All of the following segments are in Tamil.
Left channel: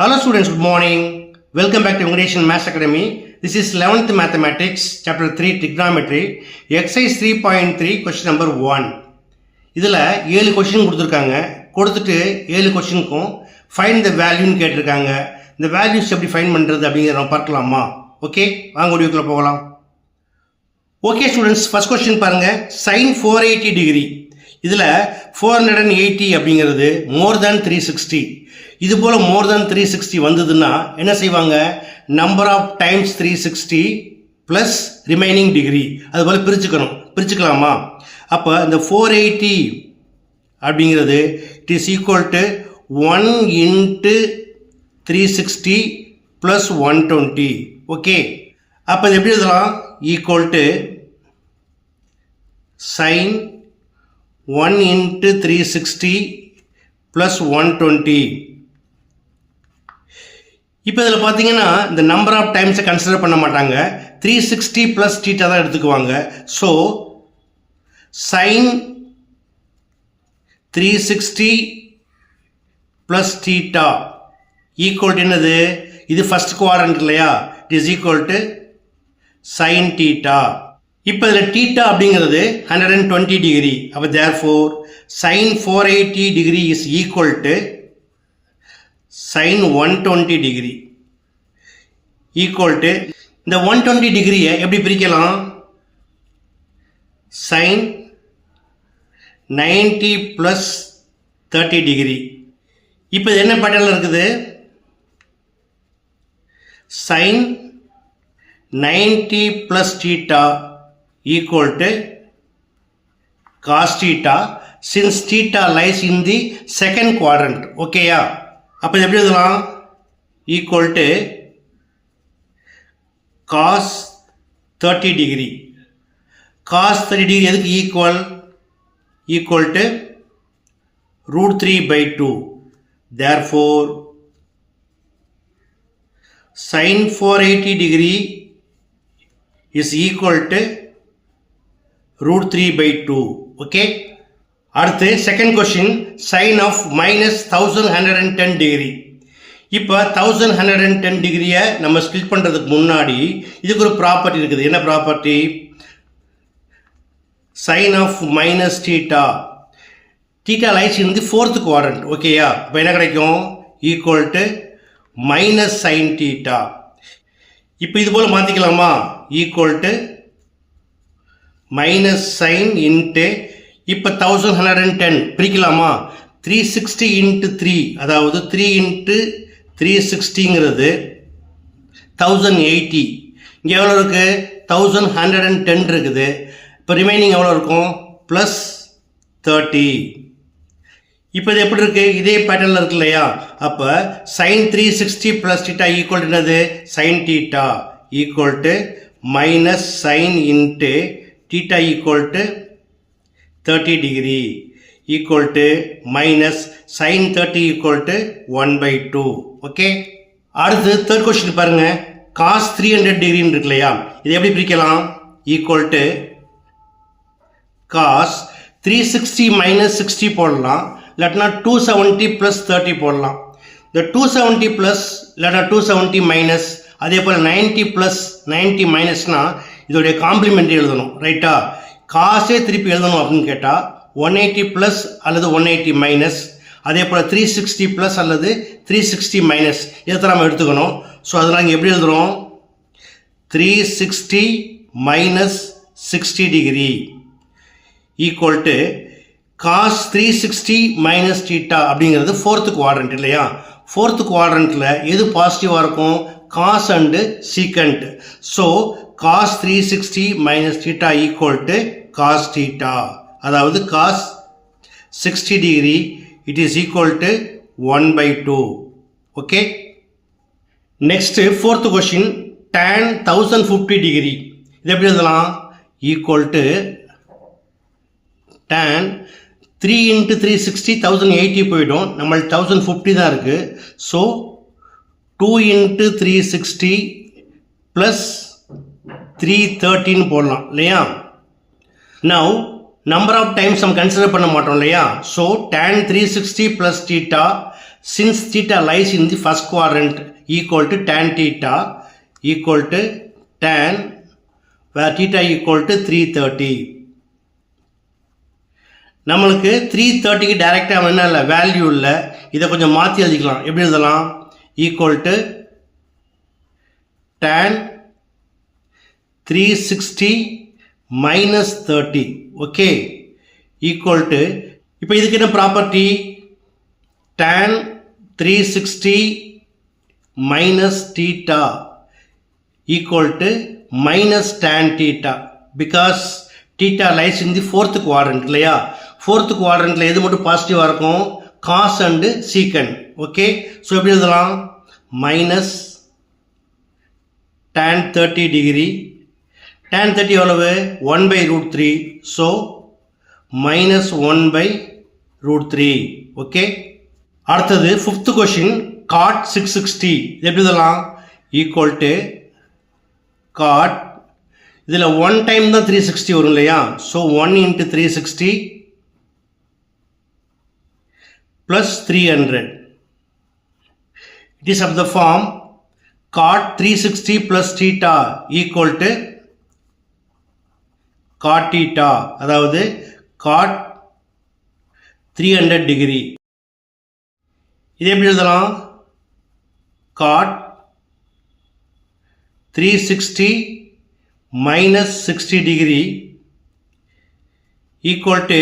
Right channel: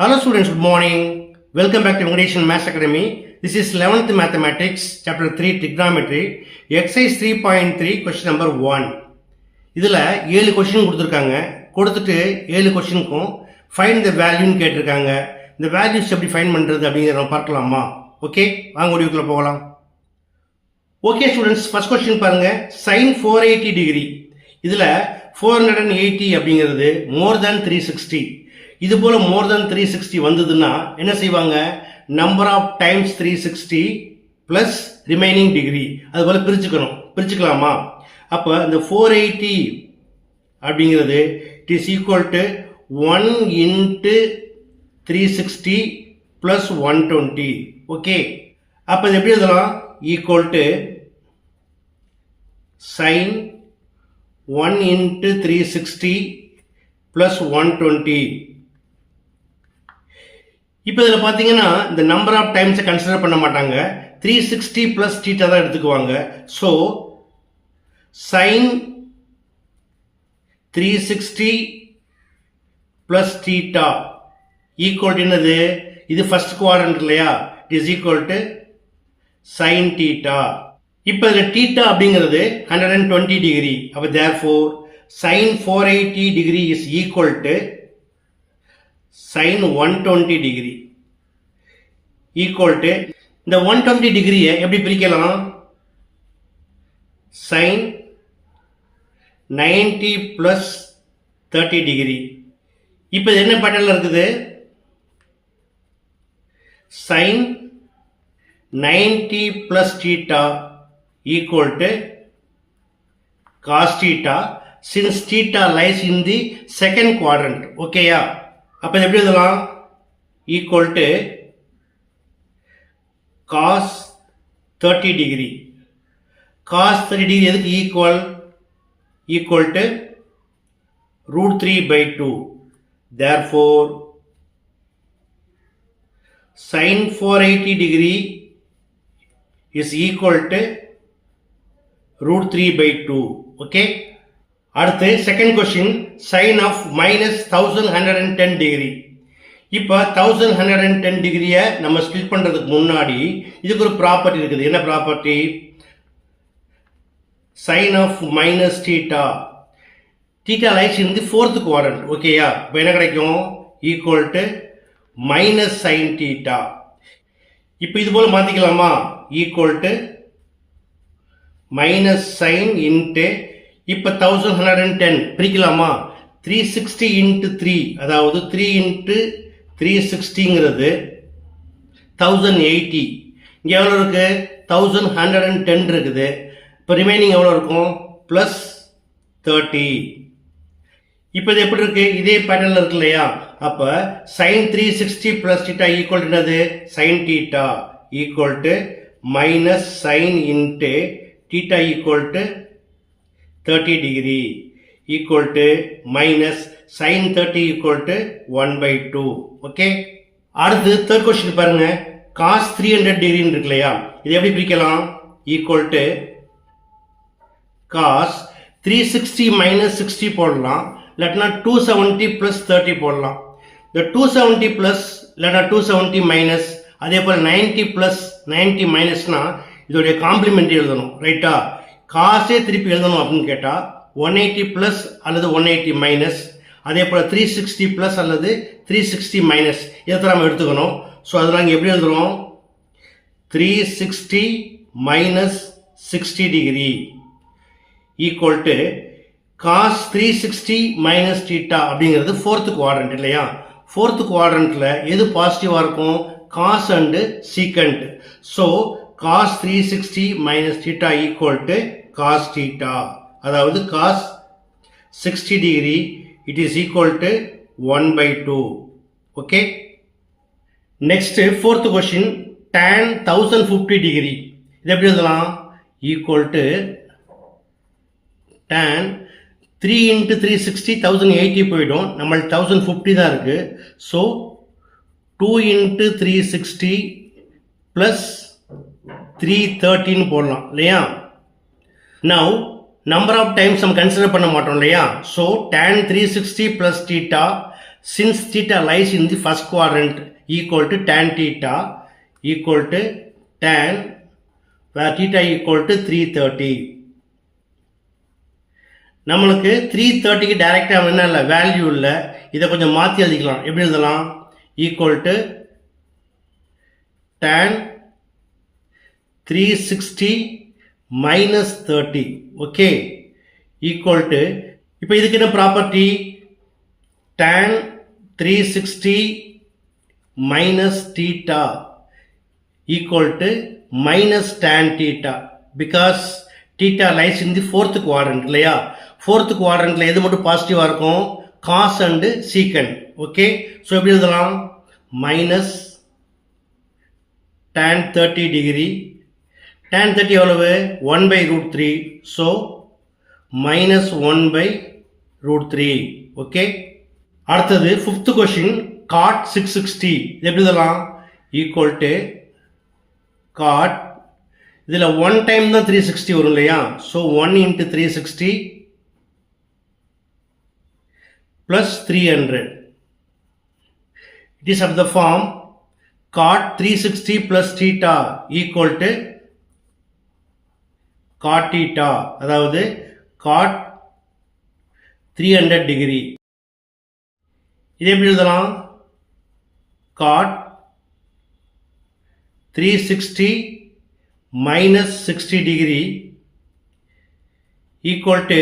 Hello students, good morning. Welcome back to English and Maths Academy. This is 11th Mathematics, Chapter 3, Trigonometry, Exercise 3.3, question number 1. இதில் 7 கொஷின் கொடுத்துருக்காங்க. கொடுத்துட்டு 7 கொஷினுக்கும் ஃபைண்ட் த வேல்யூன்னு கேட்டிருக்காங்க. இந்த வேல்யூஸ் எப்படி ஃபைண்ட் பண்ணுறது அப்படிங்கிறத நம்ம பார்க்கலாமா? ஓகே, வாங்க வீடியோக்குள்ளே போகலாம். ஓகே ஸ்டூடெண்ட்ஸ், ஃபர்ஸ்ட் கொஸ்டின் பாருங்கள். sin 480 degree. இதில் 480 அப்படிங்கிறது மோர் தேன் 360. இது போல் மோர் தேன் 360 வந்ததுன்னா என்ன செய்வாங்க? Number of times 360 plus remaining degree அது போல் பிரிச்சுக்கலாமா? அப்போ இந்த 480 அப்படிங்கிறது it is equal to 1 into 360 plus 120. Okay, அப்போ இது எப்படி எழுதலாம்? Equal to sin 1 into 360 plus 120. இப்போ இதில் பார்த்தீங்கன்னா இந்த நம்பர் ஆஃப் டைம்ஸை கன்சிடர் பண்ண மாட்டாங்க. 360 ப்ளஸ் தீட்டா தான் எடுத்துக்குவாங்க. So sine 360 plus theta equal to என்னது? இது ஃபர்ஸ்ட் குவாட்ரண்ட் இல்லையா? It is equal to sine theta. இப்போ இதில் தீட்டா அப்படிங்கிறது 120 டிகிரி. அப்போ therefore sine 480 degree is equal to sin 120 degree equal to இந்த 120 டிகிரியை எப்படி பிரிக்கலாம்? sin 90 plus 30 degree. இப்போ இது என்ன பேட்டர்னில் இருக்குது? sin 90 plus theta equal to cos theta since theta lies in the second quadrant. ஓகேயா? அப்போ எப்படி எழுதலாம்? Equal to cos 30 degree. Cos 30 degree எதுக்கு equal? Equal to √3/2. Therefore sin 480 degree is equal to √3/2. Okay, அடுத்து second question. Sine of minus 1110 degree. இப்போ 1110 டிகிரியை நம்ம ஸ்பிளிட் பண்ணுறதுக்கு முன்னாடி இதுக்கு ஒரு ப்ராப்பர்ட்டி இருக்குது. என்ன property? Sine of minus theta. Theta lies இருந்து ஃபோர்த் குவாட்ரண்ட். ஓகேயா? இப்போ என்ன கிடைக்கும்? Equal to minus sine theta. இப்போ இது போல் மாற்றிக்கலாமா? Equal to minus sine into இப்போ 1110 பிரிக்கலாமா? 360 இன்ட்டு 3, அதாவது 3 இன்ட்டு 360ங்கிறது 1080. இங்கே எவ்வளோ இருக்குது? 1110 இருக்குது. இப்போ ரிமைனிங் எவ்வளோ இருக்கும்? ப்ளஸ் 30. இப்போ இது எப்படி இருக்குது? இதே பேட்டர்னில் இருக்கு இல்லையா? அப்போ sin 360 ப்ளஸ் தீட்டா ஈக்குவல் என்னது? sin theta equal to minus sine into theta equal to 30 degree equal to minus sine 30 equal to 1/2. Okay, அடுத்து தேர்ட் கொஸ்டின் பாருங்க. காஸ் 300 டிகிரின்னு இருக்கு இல்லையா? இது எப்படி பிரிக்கலாம்? ஈக்குவல் டு காஸ் 360 மைனஸ் 60 போடலாம், இல்லாட்டினா 270 ப்ளஸ் 30 போடலாம். இந்த 270 ப்ளஸ் இல்லாட்டா 270 மைனஸ், அதே போல் 90 ப்ளஸ் 90 மைனஸ்னா இதோடைய காம்ப்ளிமெண்ட் எழுதணும். ரைட்டா? காசே திருப்பி எழுதணும் அப்படின்னு கேட்டால் 180 ப்ளஸ் அல்லது 180 மைனஸ், அதே போல் 360 ப்ளஸ் அல்லது 360 மைனஸ், இதை நம்ம எடுத்துக்கணும். ஸோ அதில் நாங்கள் எப்படி எழுதுகிறோம்? 360 minus 60 degree equal to cos 360 minus theta அப்படிங்கிறது ஃபோர்த்து குவாட்ரண்ட் இல்லையா? ஃபோர்த்து குவாட்ரண்ட்டில் எது பாசிட்டிவாக இருக்கும்? Cos and secant. So cos 360 minus theta equal to cos theta, அதாவது cos 60 degree it is equal to 1/2. Okay, next fourth question. tan 1050 degree. இது எப்படி எழுதலாம்? ஈக்குவல் டு tan 3 இன்ட்டு 360 1080 போயிடும், நம்மளுக்கு 1050 தான் இருக்குது. ஸோ 2 இன்ட்டு 360 ப்ளஸ் 313 போடலாம் இல்லையா? நவ் நம்பர் ஆஃப் டைம்ஸ் நம்ம கன்சிடர் பண்ண மாட்டோம் இல்லையா? So tan 360 plus theta since theta lies in the first quadrant equal to tan theta equal to tan where theta equal to 330. நம்மளுக்கு 330க்கு டைரக்டாக என்ன இல்லை வேல்யூ இல்லை, இதை கொஞ்சம் மாற்றி எழுதிக்கலாம். எப்படி எழுதலாம்? Equal to tan 360 minus 30. Okay, equal to இப்போ இதுக்கு என்ன property? tan 360 minus theta equal to minus tan theta because theta lies in the fourth quadrant இல்லையா? fourth quadrantல எது மட்டும் பாசிட்டிவாக இருக்கும்? cos and secant. Okay, so எப்படி எழுதலாம்? minus tan 30 degree. tan 30 எவ்வளவு? 1 by root 3. So minus 1 by root 3. Okay, அடுத்தது ஃபிஃப்த் கொஷின் cot 660. இது எப்படி எழுதலாம்? ஈக்குவல் டு cot, இதில் 1 டைம் தான் 360 வரும் இல்லையா? So 1 into 360 plus 300. It is of the form cot 360 plus theta equal to cot theta, அதாவது cot 300 degree. இது எப்படி எழுதலாம்? cot 360 minus 60 degree equal to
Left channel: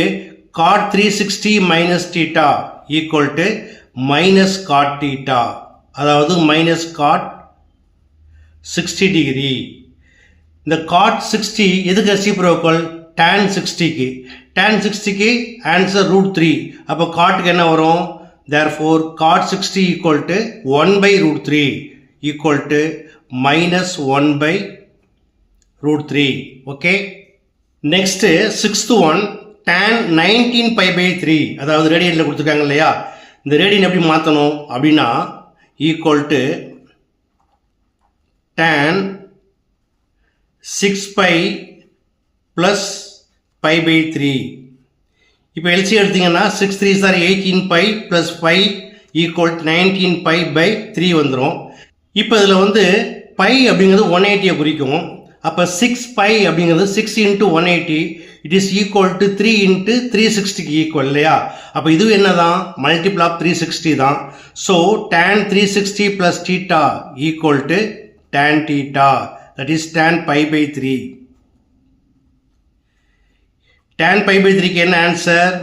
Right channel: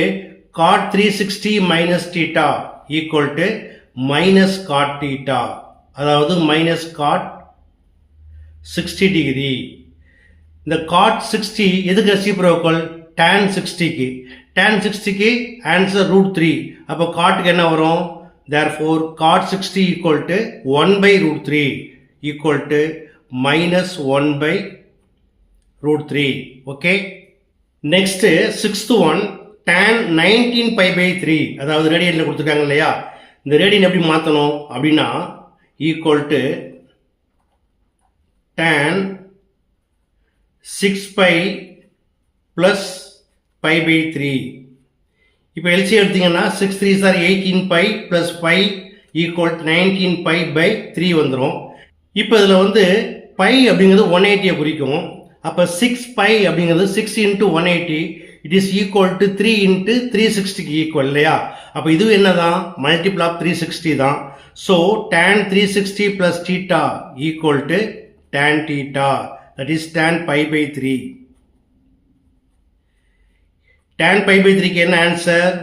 cot 360 minus theta equal to minus cot theta, அதாவது minus cot 60 degree. இந்த cot 60 எதுக்கு ரெசிப்ரோக்கல்? tan 60க்கு. tan 60க்கு ஆன்சர் root 3. அப்போ cotக்கு என்ன வரும்? therefore cot 60 equal to 1 by root 3 equal to minus 1 by root 3. okay, next sixth one tan 19 pi by 3, அதாவது ரேடியனில் கொடுத்துருக்காங்க இல்லையா? இந்த ரேடியன் எப்படி மாற்றணும் அப்படின்னா equal to tan 6 pi plus pi by 3. இப்போ எல்சி எடுத்தீங்கன்னா 6 3s are 18 pi plus 5 equal to 19 pi by 3 வந்துடும். இப்போ இதில் வந்து pi அப்படிங்கிறது 180 குறிக்கும். அப்போ 6 pi அப்படிங்கிறது 6 into 180 it is equal to 3 into 360க்கு ஈக்குவல் இல்லையா? அப்போ இது என்னதான்? மல்டிபிள் ஆஃப் 360 தான். So tan 360 plus theta equal to tan theta, that is tan pi by 3. tan pi by 3க்கு என்ன ஆன்சர்?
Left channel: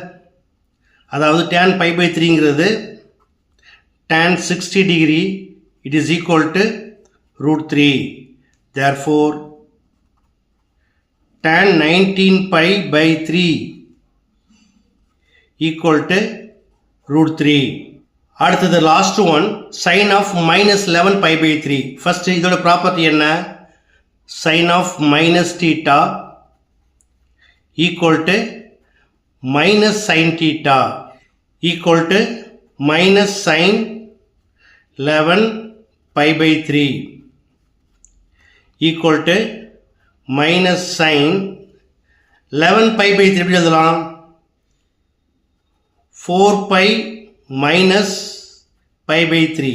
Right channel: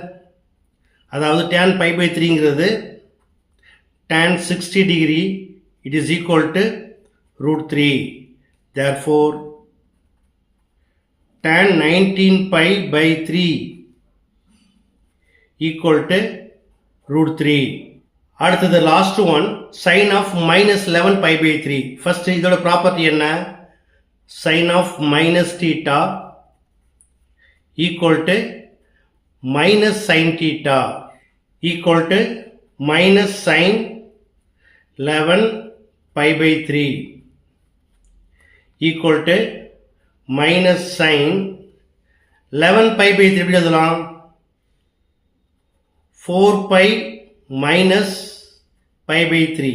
அதாவது tan pi by 3ங்கிறது tan 60 degree it is equal to root 3. therefore tan 19 pi by 3 equal to root 3. அடுத்தது last one sin of minus 11 pi by 3. First இதோட ப்ராப்பர்ட்டி என்ன? sin of minus theta equal to minus sin theta equal to minus sin 11 pi by 3 equal to minus sin 11 pi by 3 எப்படி எழுதலாம்? 4 pi minus pi by 3.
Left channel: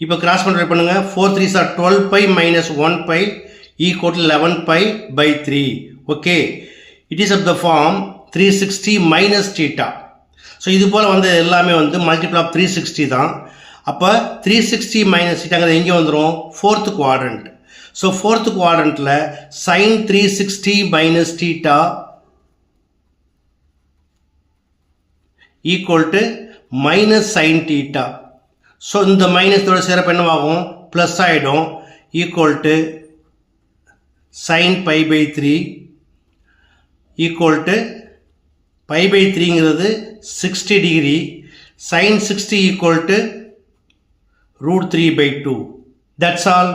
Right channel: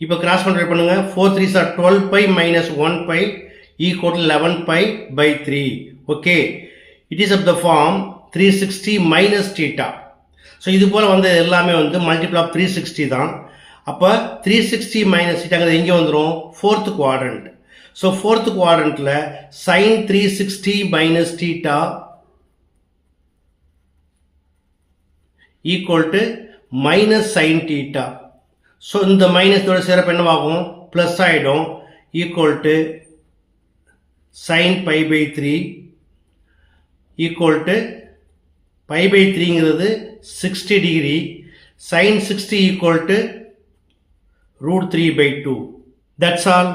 இப்போ கிராஸ் மல்டிப்ளை பண்ணுங்க. 4 3s are 12 pi minus 1 pi equal to 11 pi by 3. Okay, it is of the form 360 minus theta. So இது போல் வந்து எல்லாமே வந்து மல்டிபிள் ஆஃப் 360 தான். அப்போ 360 minus thetaங்கிறது எங்கே வந்துடும்? Fourth quadrant. ஸோ ஃபோர்த் குவாட்ரண்ட்டில் sin 360 minus theta equal to minus sin theta. So இந்த மைனஸோட சேர்ப்பு என்னவாகும்? ப்ளஸ் ஆகிடும். equal to sin pi by 3 equal to pi by 3ங்கிறது 60 degree. sin 60 equal to root 3 by 2. that's all.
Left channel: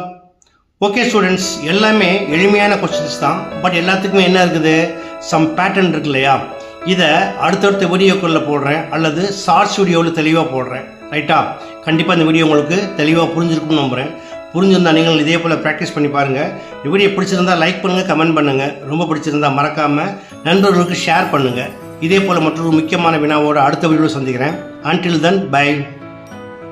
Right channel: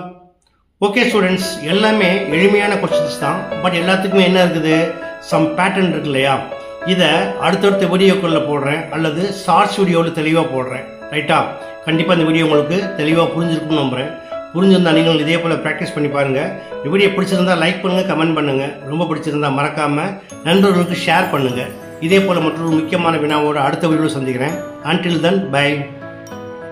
Okay students, எல்லாமே எளிமையான கொஸ்டின்ஸ் தான். பட் எல்லாத்துக்குமே என்ன இருக்குது? சம் பேட்டர்ன் இருக்கு இல்லையா? இதை அடுத்தடுத்த வீடியோக்களில் போடுறேன் அல்லது ஷார்ட்ஸ் வீடியோவில் தெளிவாக போடுறேன். ரைட்டா? கண்டிப்பாக இந்த வீடியோ உங்களுக்கு தெளிவாக புரிஞ்சிருக்கும்னு நம்புகிறேன். புரிஞ்சிருந்தால் நீங்கள் இதே போல் ப்ராக்டிஸ் பண்ணி பாருங்கள். இந்த வீடியோ பிடிச்சிருந்தால் லைக் பண்ணுங்கள், கமெண்ட் பண்ணுங்கள். ரொம்ப பிடிச்சிருந்தால் மறக்காமல் நண்பர்களுக்கு ஷேர் பண்ணுங்கள். இதே போல் மற்றொரு முக்கியமான வினாவோட அடுத்த வீடியோவில் சந்திக்கிறேன். Until then, bye.